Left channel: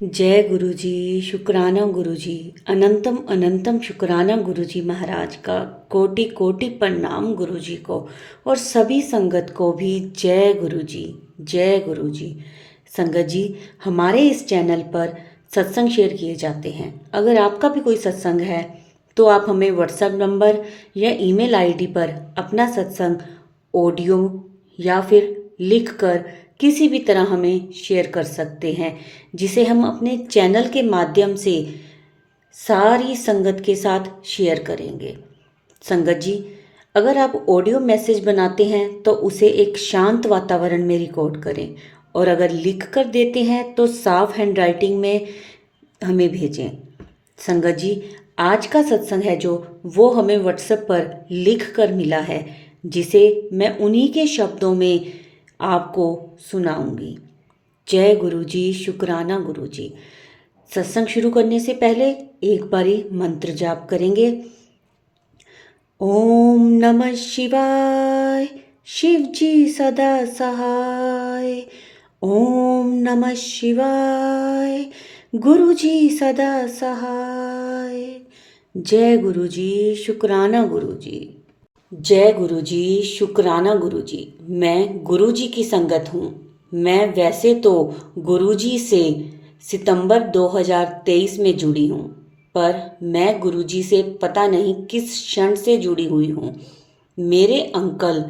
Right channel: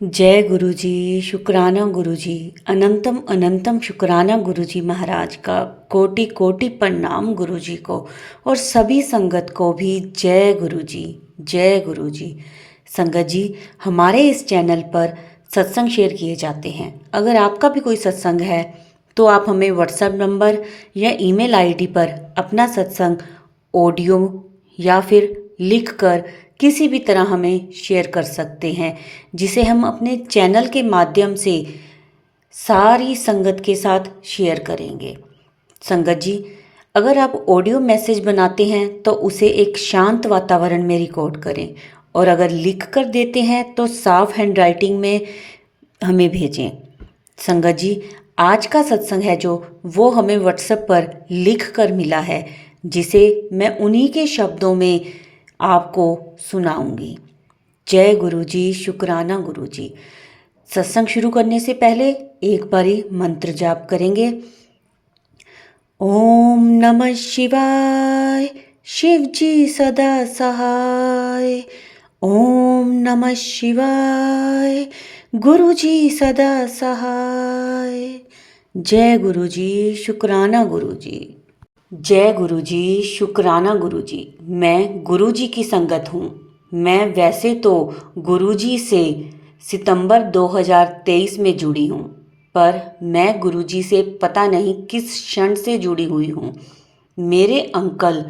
जय गुरु जी। शुक्राना गुरु जी। अनंतम अनंतम शुक्राना गुरु जी महाराज का। कोटि कोटि प्रणाम गुरु जी को और सभी संगत को भी जय गुरु जी। जय गुरु जी। संगत जी, हमारे इस चैनल पर सत्संग शेयर किए जाते हैं। अगर आपका भी कोई सत्संग है तो आप हमें व्हाट्सएप नंबर या ईमेल आईडी पर अपना सत्संग ऑडियो या फिर लिख कर किसी भी तरह हमें शेयर कर सकते हैं, जिसे हम अपने चैनल के माध्यम से सारी संगत के साथ शेयर करेंगे। संगत जी, अगर आप ऑडियो मैसेज बनाते हैं तो उसे एक शांत वातावरण में रिकॉर्ड करें, और अगर लिख कर देते हैं तो साफ हैंडराइटिंग में हमें भेजें। संगत जी, आज का सत्संग है जो वो हमें व्हाट्सएप पर लिख कर मिला है, जिसे मैं उन्हीं के शब्दों में आपको सुनाऊंगी। जय गुरु जी। शुक्राना गुरु जी। सत्संग शुरू करने से पहले एक बारी मंत्र जाप करेंगे। ओम नमः शिवाय, शिव जी सदा सहाय। ओम नमः शिवाय, गुरु जी सदा सहाय। जय गुरु जी। शुक्राना गुरु जी। जय गुरु जी। शुक्राना गुरु जी। मैं गुरु जी की संगत हूँ। मैं वैसे तो गुरु जी से सितंबर 2023 में जुड़ी हूँ, पर मैं गुरु जी से पता नहीं किस क्षण से जुड़ी हुई हूँ। मेरे अंकल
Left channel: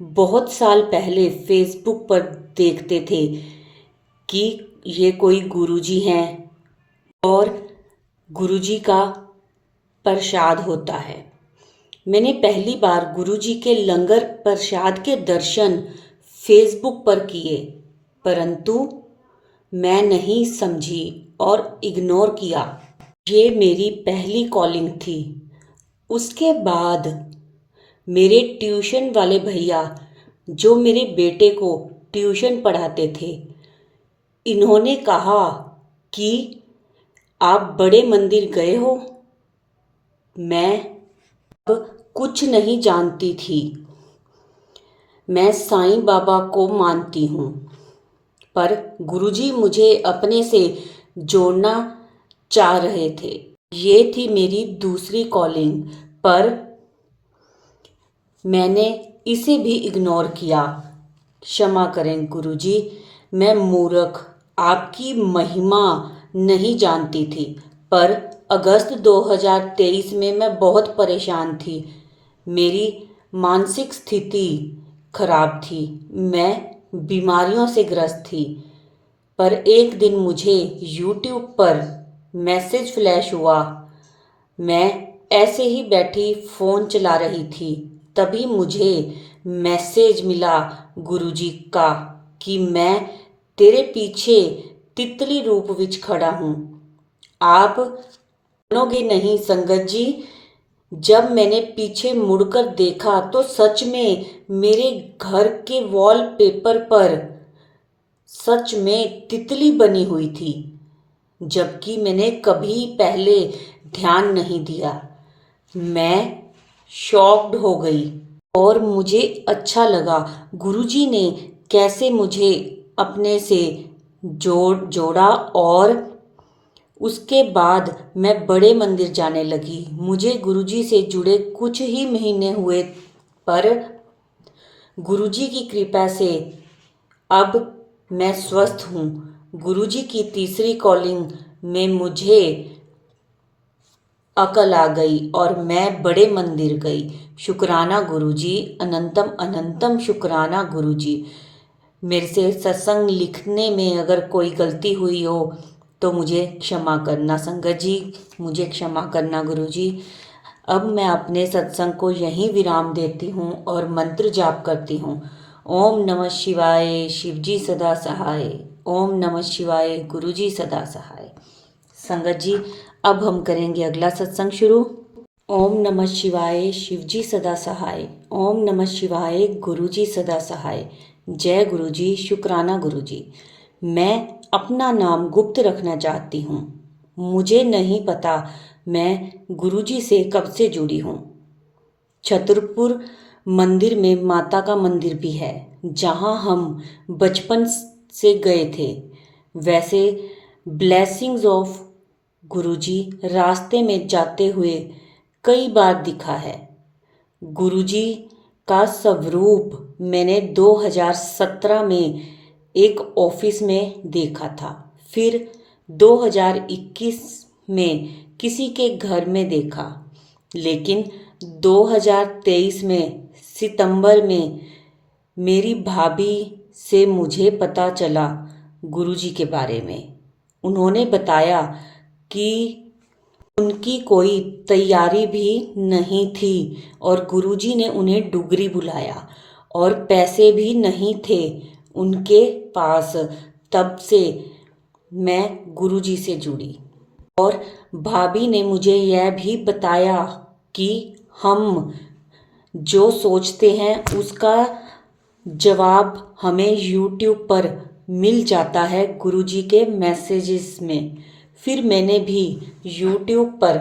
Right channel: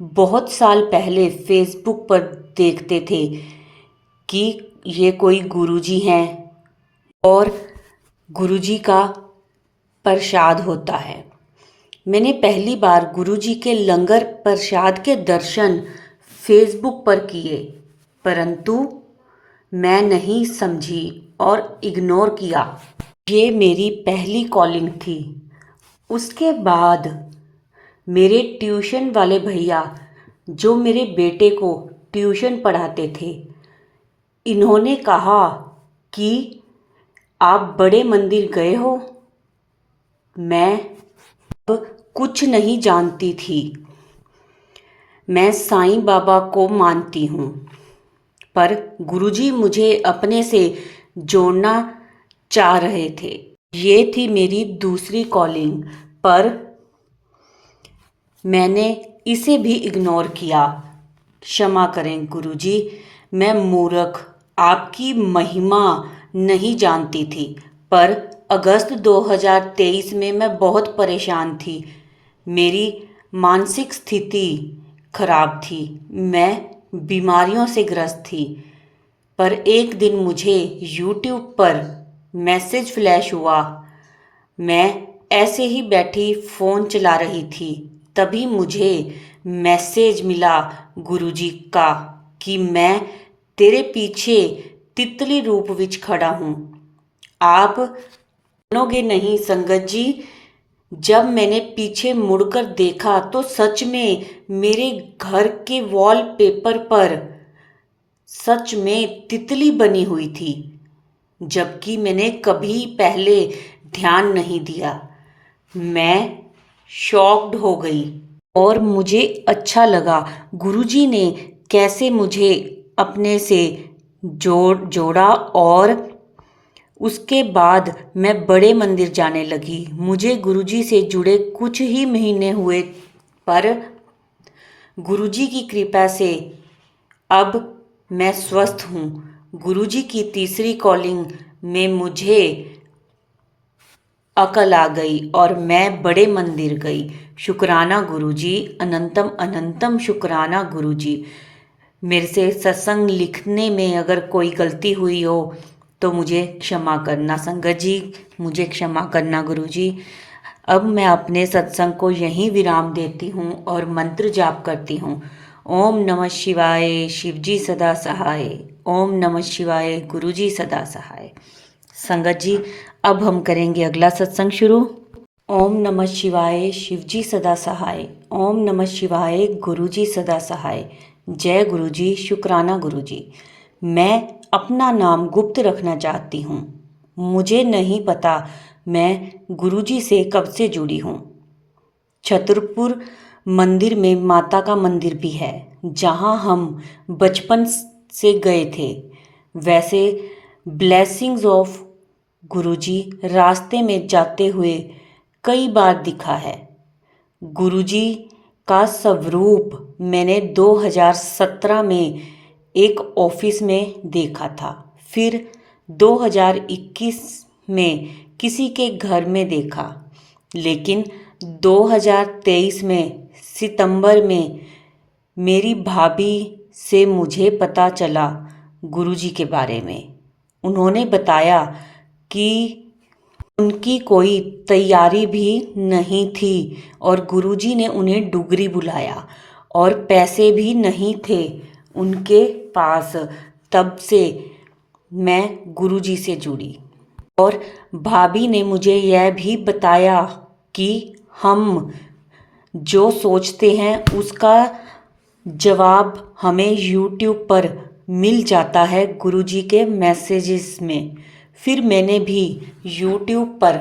बहुत साल पहले फेसबुक पर देखते थे कि ये कोई गुरु जी हैं और गुरु जी का प्रसाद होता है। मैंने पहली बार गुरुजी के लंगर प्रसाद के दर्शन फेसबुक पर किए, परंतु मैं नहीं समझी और इग्नोर किया। ये मेरी पहली कॉलिंग थी। उसके बाद मेरे ट्यूशन वाले भैया, जो मेरे बेटे को ट्यूशन पढ़ाते थे, इन्होंने कहा कि आप बड़े मंदिर गए हो। मैं अब कुछ नहीं जानती थी। मैं साईं बाबा को मानती हूँ, पर गुरुजी मुझे अपने से जोड़ना चाह रहे थे। ये थी मेरी दूसरी कॉलिंग, पर मैंने इसे भी इग्नोर किया। क्षमा करें गुरुजी, मैं मूर्ख आपकी महिमा नहीं जानती थी। पर अगस्त 2023 में मैं बहुत परेशान थी। मेरी मानसिक स्थिति खराब थी। मैं बीमारियों से ग्रस्त थी। पर एक दिन मुझे यूट्यूब पर मैसेज फ्लैश हुआ। मैं ऐसे ही बैठी फ़ोन चला रही थी, तभी मुझे मैसेज मिला गुरुजी का कि मैं तेरे पीछे तितली रूप विच खड़ा हूँ। आप मानोगे नहीं संगत जी, जब मैंने पीछे मुड़कर देखा तो सच में मेरे घर के वॉलपेपर पर सच में तितली बनी हुई थी, जबकि मैंने कभी पहले ध्यान नहीं दिया। मैं शॉक्ड हो गई और मुझे अच्छा लगा गुरुजी ने कैसे मुझे अपने से जोड़ा, और उसके बाद मैं बड़े मंदिर जाने लगी। मुझे गुरुजी से जुड़े कुछ ही महीने हुए, पर गुरुजी की कृपा से अब मैं स्वस्थ हूँ। गुरुजी की तीसरी कॉलिंग में मुझे अकल आ गई और मैं बड़े मंदिर गई। शुक्राना गुरुजी। अनंतम अनंतम शुक्राना गुरुजी। मेरे से सत्संग लिखने में अगर कोई गलती हुई हो तो मुझे क्षमा करना संगत जी, मुझे क्षमा करना गुरुजी। अब मैं अपने सत्संग को यहीं विराम देती हूँ और मंत्र जाप करती हूँ। ओम नमः शिवाय, शिवजी सदा सहाय। ओम नमः शिवाय, गुरुजी सदा सहाय। संगत जी, अब हम करेंगे अगला सत्संग शुरू। ओम नमः शिवाय, शिवजी सदा सहाय। ओम नमः शिवाय, गुरुजी सदा सहाय। जय गुरुजी। शुक्राना गुरुजी। मैं अपना नाम गुप्त रखना चाहती हूँ। मुझे नहीं पता मैं गुरुजी से कब से जुड़ी हूँ। छतरपुर मंदिर में माता का मंदिर भी है, जहाँ हम बचपन से गए थे। वैसे ब्लेसिंग्स ऑफ गुरुजी रास्ते में जाते हुए कई बार दिखा है। गुरुजी का स्वरूप मैंने 2017 में एक ऑफिस में देखा था, फिर 2021 में किसी के घर में देखा, लेकिन 2023 में सितंबर में मेरी भाभी से मुझे पता चला गुरुजी के बारे में। उन्होंने बताया कि उनकी कोई तैयारी भी नहीं थी और गुरुजी ने उन्हें डुगरी बुलाया और पैसे भी नहीं थे उनके पास। तब से मैं गुरुजी से जुड़ी और भाभी ने मुझे यह भी बताया कि हम जो सोचते हैं उसका जवाब हमें यूट्यूब पर मिल जाता है गुरुजी के मैसेजेस में। फिर मैंने भी यूट्यूब पर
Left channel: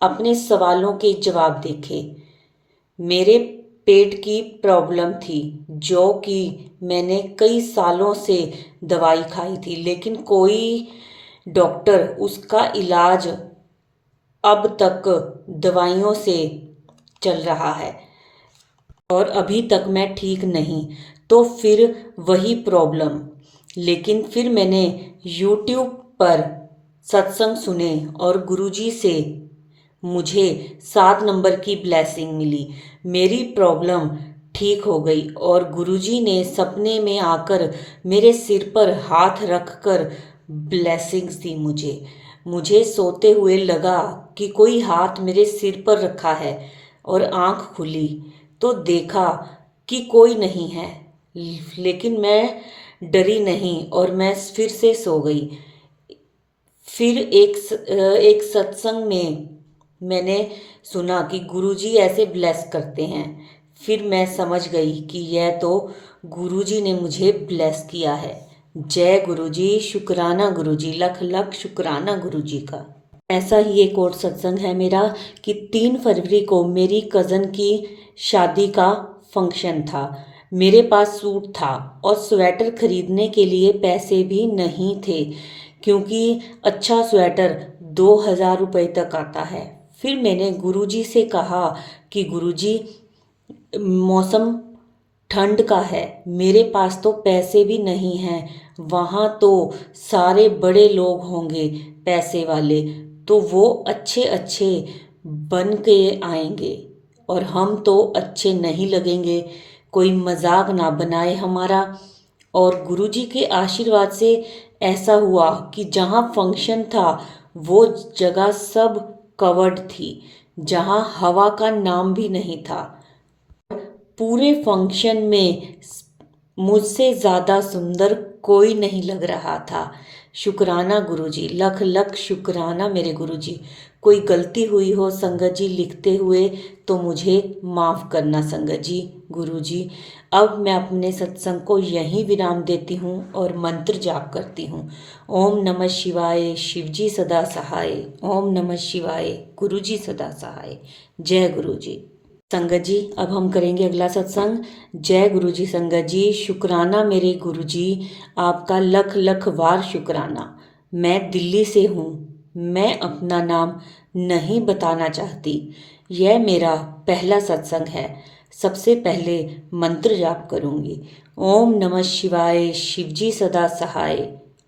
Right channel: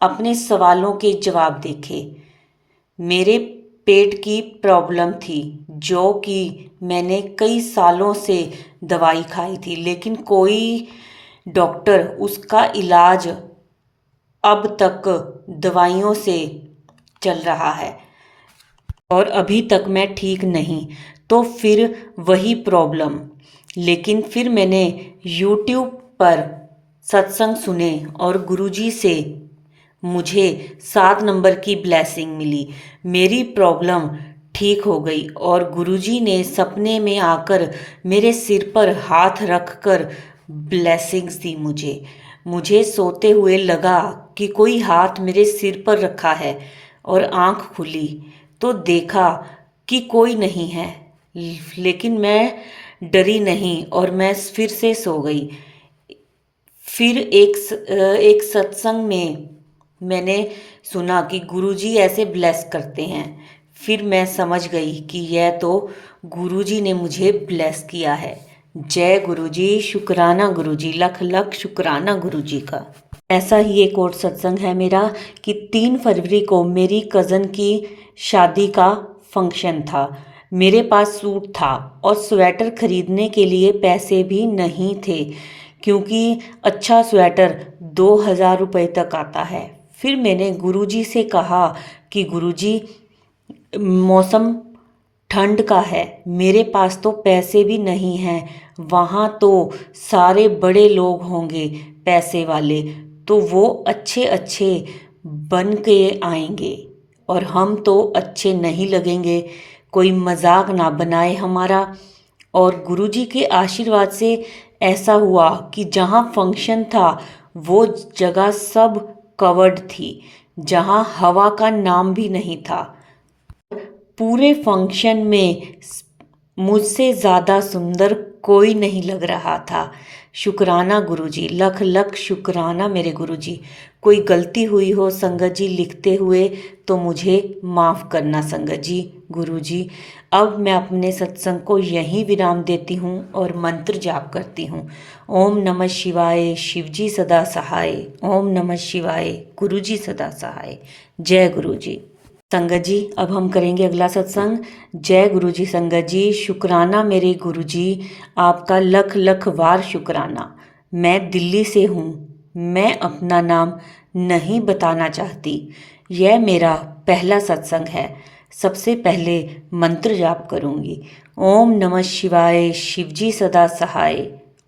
अपने सवालों के जवाब देखे। मेरे पेट की प्रॉब्लम थी जो कि मैंने कई सालों से दवाई खाई थी, लेकिन कोई डॉक्टर उसका इलाज अब तक दवाइयों से चल रहा है और अभी तक मैं ठीक नहीं। तो फिर वही प्रॉब्लम, लेकिन फिर मैंने यूट्यूब पर सत्संग सुने और गुरुजी से मुझे 7 नंबर की ब्लेसिंग मिली। मेरी प्रॉब्लम ठीक हो गई और गुरुजी ने सपने में आकर मेरे सिर पर हाथ रख कर ब्लेसिंग्स दी मुझे सोते हुए लगा कि कोई हाथ मेरे सिर पर रखा है और आंख खुली तो देखा कि कोई नहीं है, लेकिन मैं डरी नहीं और मैं फिर से सो गई। फिर एक सत्संग में मैंने सुना कि गुरुजी ऐसे ब्लेस करते हैं। फिर मैं समझ गई कि यह तो गुरुजी ने मुझे ब्लेस किया है। जय गुरुजी, शुक्राना गुरुजी, लख लख शुक्राना गुरुजी का। ऐसा ही एक और सत्संग है मेरा कि 3 फरवरी को मेरी कज़न की शादी का फंक्शन था। मेरे पास सूट था और स्वेटर खरीदने के लिए पैसे भी नहीं थे, क्योंकि अच्छा स्वेटर 2000 रुपये तक आता है। फिर मैंने गुरुजी से कहा कि गुरुजी, मौसम ठंड का है, मेरे पास तो पैसे भी नहीं हैं, वहाँ तो सारे बड़े लोग होंगे पैसे वाले, तो वो अच्छे अच्छे बन के आएंगे और हम तो अच्छे नहीं लगेंगे, कोई मजाक ना बनाए हमारा। और गुरुजी के आशीर्वाद से ऐसा हुआ कि जहाँ फंक्शन था वो जगह सब कवर्ड थी, जहाँ हवा का नाम भी नहीं था। पूरे फंक्शन में मुझसे ज़्यादा सुंदर कोई नहीं लग रहा था। शुक्राना गुरुजी, लख लख शुक्राना मेरे गुरुजी। कोई गलती हुई हो संगत जी लिखते हुए तो मुझे माफ़ करना संगत जी, गुरुजी। अब मैं अपने सत्संग को यहीं विराम देती हूँ और मंत्र जाप करती हूँ। ओम नमः शिवाय, शिवजी सदा सहाय। ओम नमः शिवाय, गुरुजी सदा सहाय। जय गुरुजी। संगत जी, अब हम करेंगे अगला सत्संग। जय गुरु जी संगत जी, शुक्राना मेरे गुरु जी, आपका लख लख वार शुक्राना। मैं दिल्ली से हूँ, मैं अपना नाम नहीं बताना चाहती। यह मेरा पहला सत्संग है। सबसे पहले मंत्र जाप करूँगी। ओम नमः शिवाय, शिवजी सदा सहाय।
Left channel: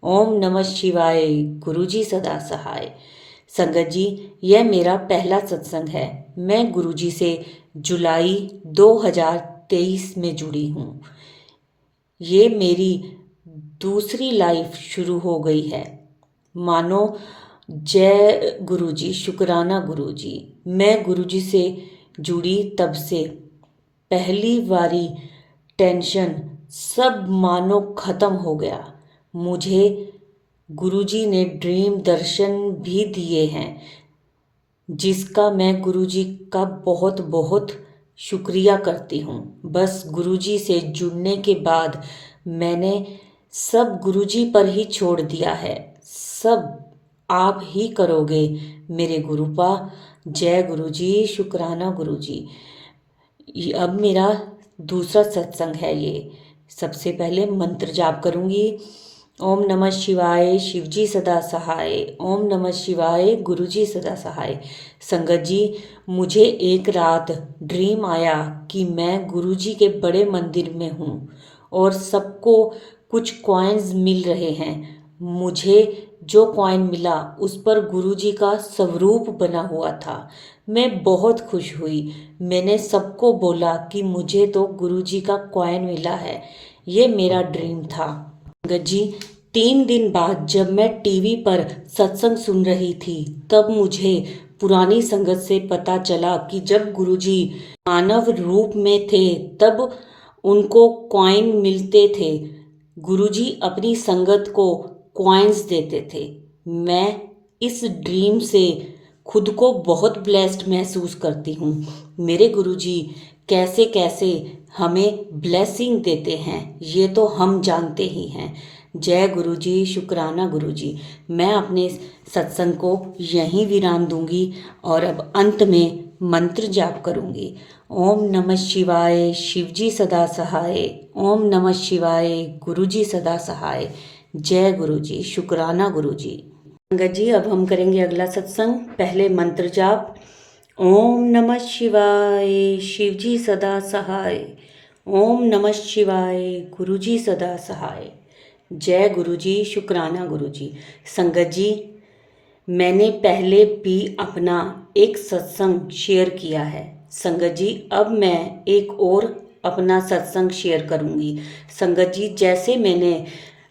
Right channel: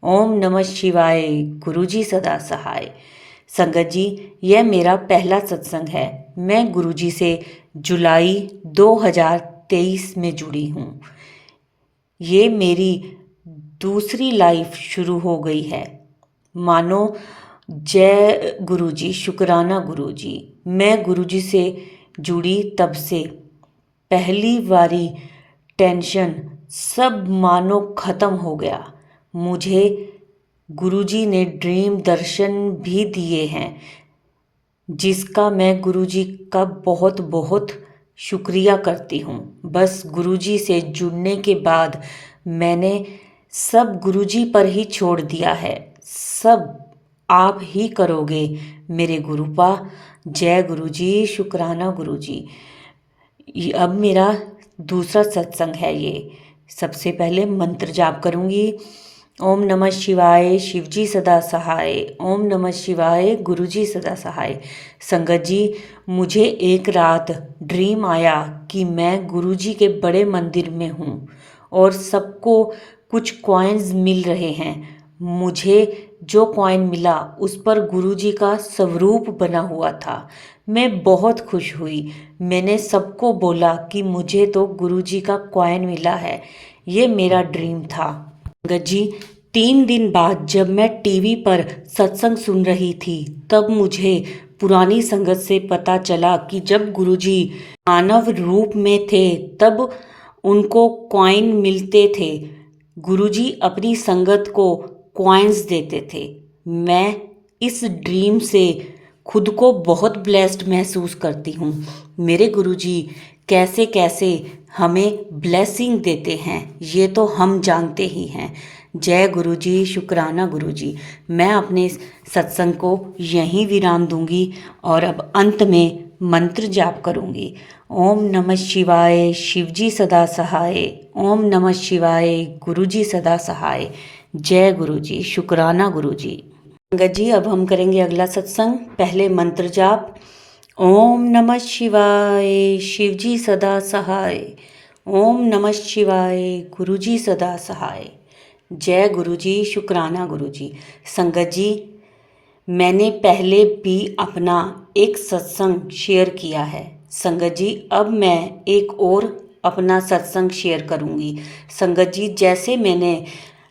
ओम नमः शिवाय, गुरुजी सदा सहाय। संगत जी, यह मेरा पहला सत्संग है। मैं गुरुजी से जुलाई 2023 में जुड़ी हूँ। ये मेरी दूसरी लाइफ शुरू हो गई है मानो। जय गुरुजी, शुक्राना गुरुजी। मैं गुरुजी से जुड़ी तब से पहली बारी टेंशन सब मानो ख़त्म हो गया। मुझे गुरुजी ने ड्रीम दर्शन भी दिए हैं, जिसका मैं गुरुजी का बहुत बहुत शुक्रिया करती हूँ। बस गुरुजी से जुड़ने के बाद मैंने सब गुरुजी पर ही छोड़ दिया है। सब आप ही करोगे मेरे गुरुपा। जय गुरुजी, शुक्राना गुरुजी। अब मेरा दूसरा सत्संग है ये। सबसे पहले मंत्र जाप करूँगी। ओम नमः शिवाय, शिवजी सदा सहाय। ओम नमः शिवाय, गुरुजी सदा सहाय। संगत जी, मुझे एक रात ड्रीम आया कि मैं गुरुजी के बड़े मंदिर में हूँ और सबको कुछ कॉइन्स मिल रहे हैं। मुझे जो कॉइन मिला उस पर गुरुजी का स्वरूप बना हुआ था। मैं बहुत खुश हुई। मैंने सबको बोला कि मुझे तो गुरुजी का कॉइन मिला है। ये मेरा ड्रीम था। संगत जी, 3 दिन बाद जब मैं टीवी पर सत्संग सुन रही थी तब मुझे पुरानी संगत से पता चला कि जब गुरुजी मानव रूप में थे तब उनको कॉइन मिलते थे। गुरुजी अपनी संगत को कॉइन्स देते थे। मैं इस ड्रीम से खुद को बहुत ब्लेस्ड महसूस करती हूँ। मेरे गुरुजी कैसे कैसे हमें ब्लेसिंग देते हैं ये तो हम जानते ही हैं। जय गुरुजी, शुक्राना गुरुजी। मैं अपने सत्संग को यहीं विराम दूंगी और अब अंत में मंत्र जाप करूंगी। ओम नमः शिवाय, शिवजी सदा सहाय। ओम नमः शिवाय, गुरुजी सदा सहाय। जय गुरुजी, शुक्राना गुरुजी। संगत जी, अब हम करेंगे अगला सत्संग। पहले मंत्र जाप। ओम नमः शिवाय, शिवजी सदा सहाय। ओम नमः शिवाय, गुरुजी सदा सहाय। जय गुरुजी, शुक्राना गुरुजी। संगत जी, मैंने पहले भी अपना एक सत्संग शेयर किया है। संगत जी, अब मैं एक और अपना सत्संग शेयर करूंगी। संगत जी, जैसे मैंने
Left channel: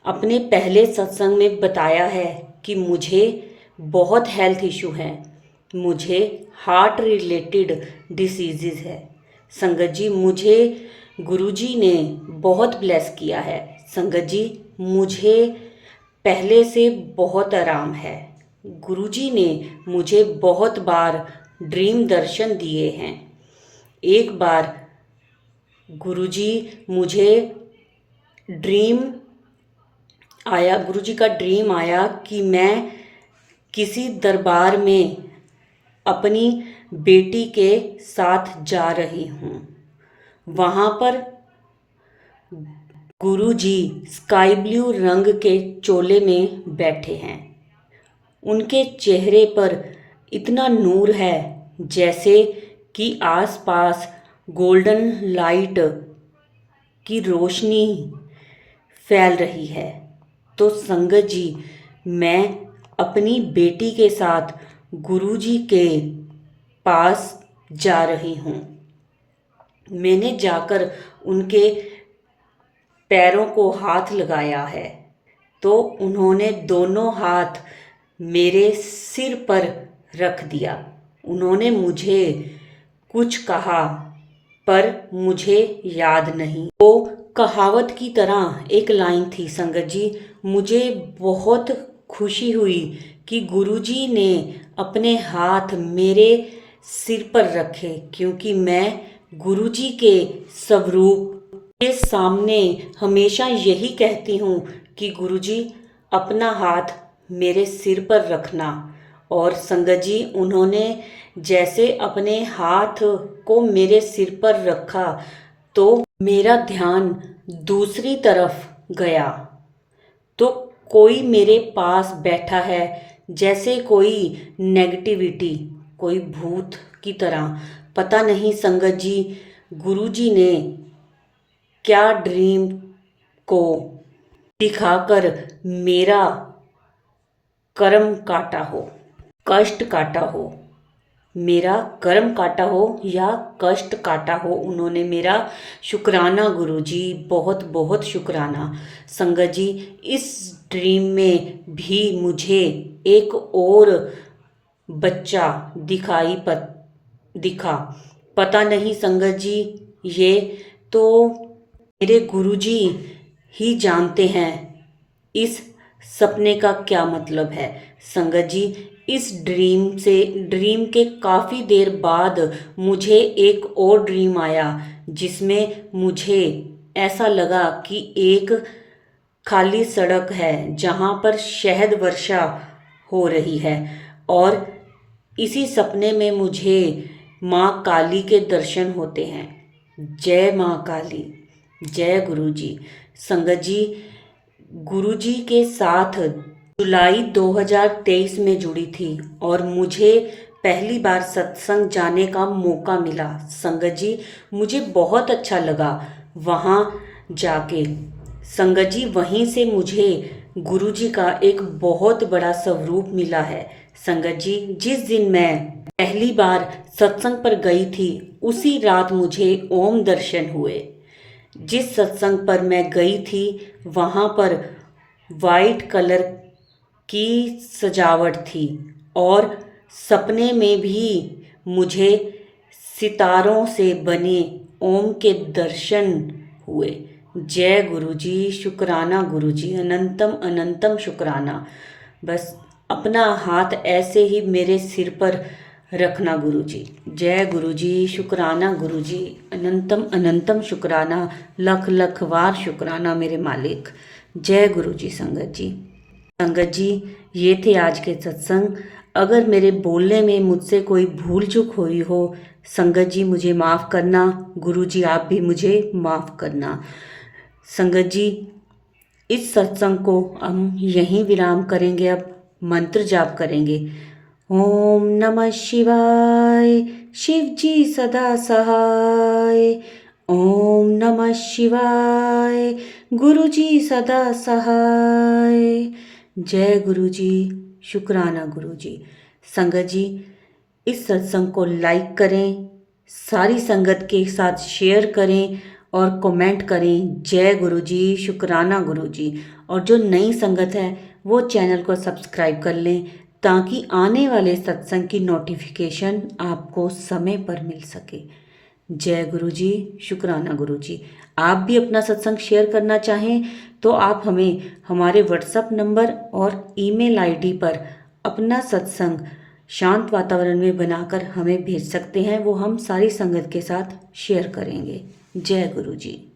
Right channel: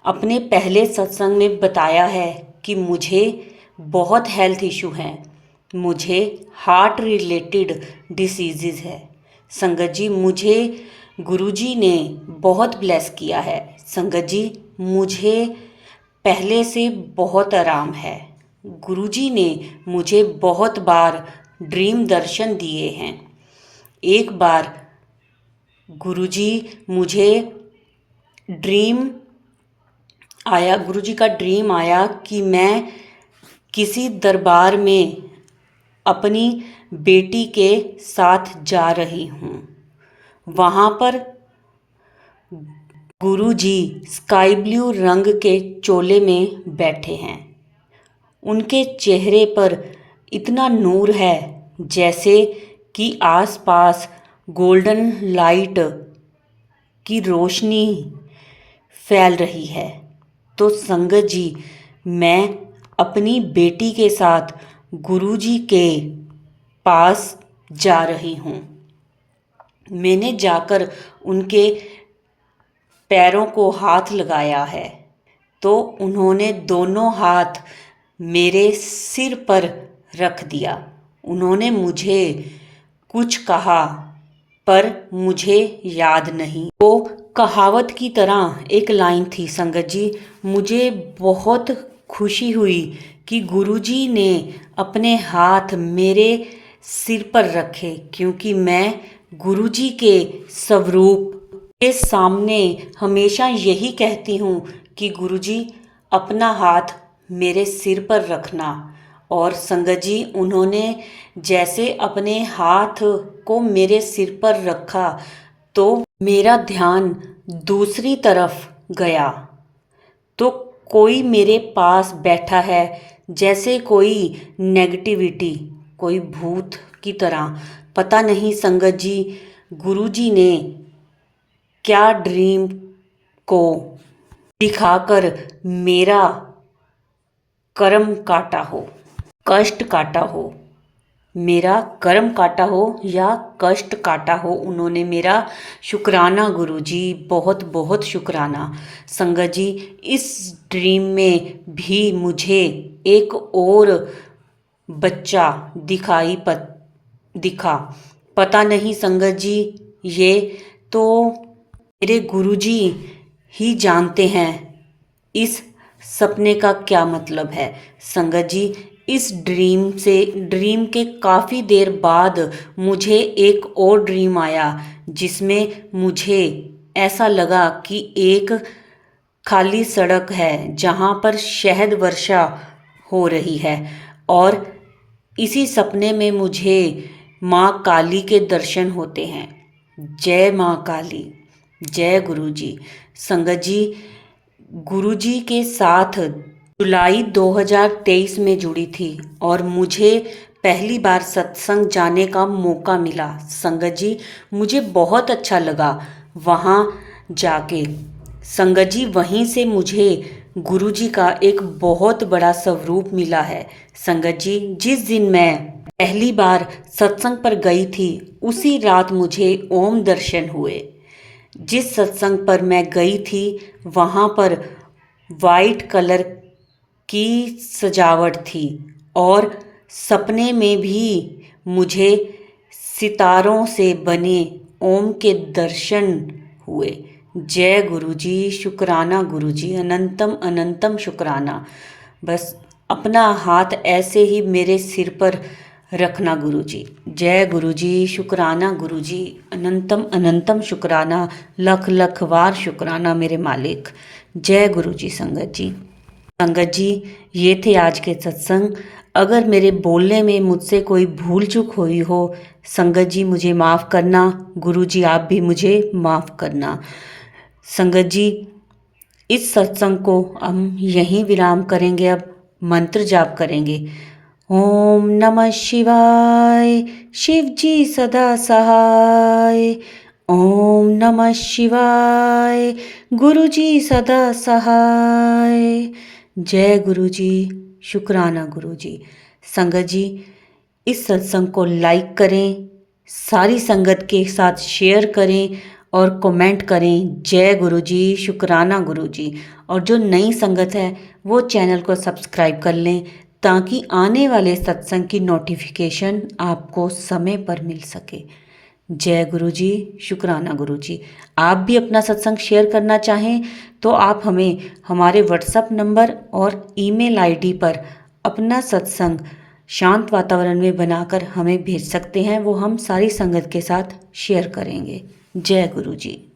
अपने पहले सत्संग में बताया है कि मुझे बहुत हेल्थ इशू है, मुझे हार्ट रिलेटेड डिसीज़ है। संगत जी, मुझे गुरुजी ने बहुत ब्लेस किया है। संगत जी, मुझे पहले से बहुत आराम है। गुरुजी ने मुझे बहुत बार ड्रीम दर्शन दिए हैं। एक बार गुरुजी मुझे गुरुजी का ड्रीम आया कि मैं किसी दरबार में अपनी बेटी के साथ जा रही हूँ। वहाँ पर गुरुजी स्काई ब्लू रंग के चोले में बैठे हैं। उनके चेहरे पर इतना नूर है जैसे कि आसपास गोल्डन लाइट की रोशनी फैल रही है। तो संगत जी, मैं अपनी बेटी के साथ गुरुजी के पास जा रही हूँ। मैंने जाकर उनके पैरों को हाथ लगाया है तो उन्होंने दोनों हाथ मेरे सिर पर रख दिया। उन्होंने मुझे कुछ कहा पर मुझे याद नहीं। वो कहावत की तरह एक लाइन थी। संगत जी, मुझे बहुत खुशी हुई कि गुरुजी ने अपने हाथ मेरे सिर पर रखे, क्योंकि मैं गुरुजी के स्वरूप के सामने हमेशा यही कहती हूँ कि गुरुजी अपना हाथ मेरे सिर पर रखना। और संगत जी, उन्होंने जैसे अपने हाथ को मेरे सिर पर रखा तो मेरा ध्यान दूसरी तरफ गया तो कोई मेरे पास बैठा है, जैसे कोई नेगेटिविटी, कोई भूत की तरह। पता नहीं संगत जी, गुरुजी ने क्या ड्रीम को दिखाकर मेरा कर्म काटा हो, कष्ट काटा हो, मेरा कर्म काटा हो या कष्ट काटा हो, उन्होंने मेरा शुक्राना गुरुजी, बहुत बहुत शुक्राना। संगत जी, इस ड्रीम में भी मुझे एक और बच्चा दिखा। पता नहीं संगत जी, ये तो मेरे गुरुजी ही जानते हैं इस सपने का क्या मतलब है। संगत जी, इस ड्रीम के काफ़ी देर बाद मुझे एक और ड्रीम आया जिसमें मुझे ऐसा लगा कि एक खाली सड़क है जहाँ पर शहद वर्षा हो रही है और इसी सपने में मुझे माँ काली के दर्शन होते हैं। जय माँ काली, जय गुरुजी। संगत जी, गुरुजी के साथ जुलाई 2023 में जुड़ी थी और मुझे पहली बार सत्संग जाने का मौका मिला। संगत जी, मुझे बहुत अच्छा लगा वहाँ जाके। संगत जी, वहीं से मुझे गुरुजी का एक बहुत बड़ा स्वरूप मिला है। संगत जी, जिस दिन मैं पहली बार सत्संग पर गई थी उसी रात मुझे ओम दर्शन हुए। जिस सत्संग पर मैं गई थी वहाँ पर वाइट कलर की सजावट थी और सपने में भी मुझे सितारों से बने ओम के दर्शन हुए। जय गुरुजी, शुक्राना गुरुजी, अनंतम अनंतम शुक्राना। बस अपना हाथ ऐसे ही मेरे सिर पर रखना गुरुजी। जय गुरुजी, शुक्राना गुरुजी, अनंतम अनंतम शुक्राना, लख लख बार शुक्राना मेरे मालिक। जय गुरुजी। संगत जी, संगत जी, ये थे आज के सत्संग। अगर मेरे बोलने में मुझसे कोई भूल चूक हुई हो, संगत जी मुझे माफ़ करना। गुरुजी आप भी मुझे माफ़ करना। संगत जी, इस सत्संग को हम यहीं विराम करेंगे। अब मंत्र जाप करेंगे। ओम नमः शिवाय, शिव जी सदा सहाय। ओम नमः शिवाय, गुरु जी सदा सहाय। जय गुरु जी, शुक्राना गुरु जी। संगत जी, इस सत्संग को लाइक करें, सारी संगत के साथ शेयर करें और कमेंट करें। जय गुरु जी, शुक्राना गुरु जी। और जो नई संगत है वो चैनल को सब्सक्राइब कर लें ताकि आने वाले सत्संग की नोटिफिकेशन आपको समय पर मिल सके। जय गुरु जी, शुक्राना गुरु जी। आप भी अपना सत्संग शेयर करना चाहें तो आप हमें हमारे व्हाट्सएप नंबर और ईमेल आईडी पर अपना सत्संग शांत वातावरण में बनाकर हमें भेज सकते हैं। वो हम सारी संगत के साथ शेयर करेंगे। जय गुरु जी।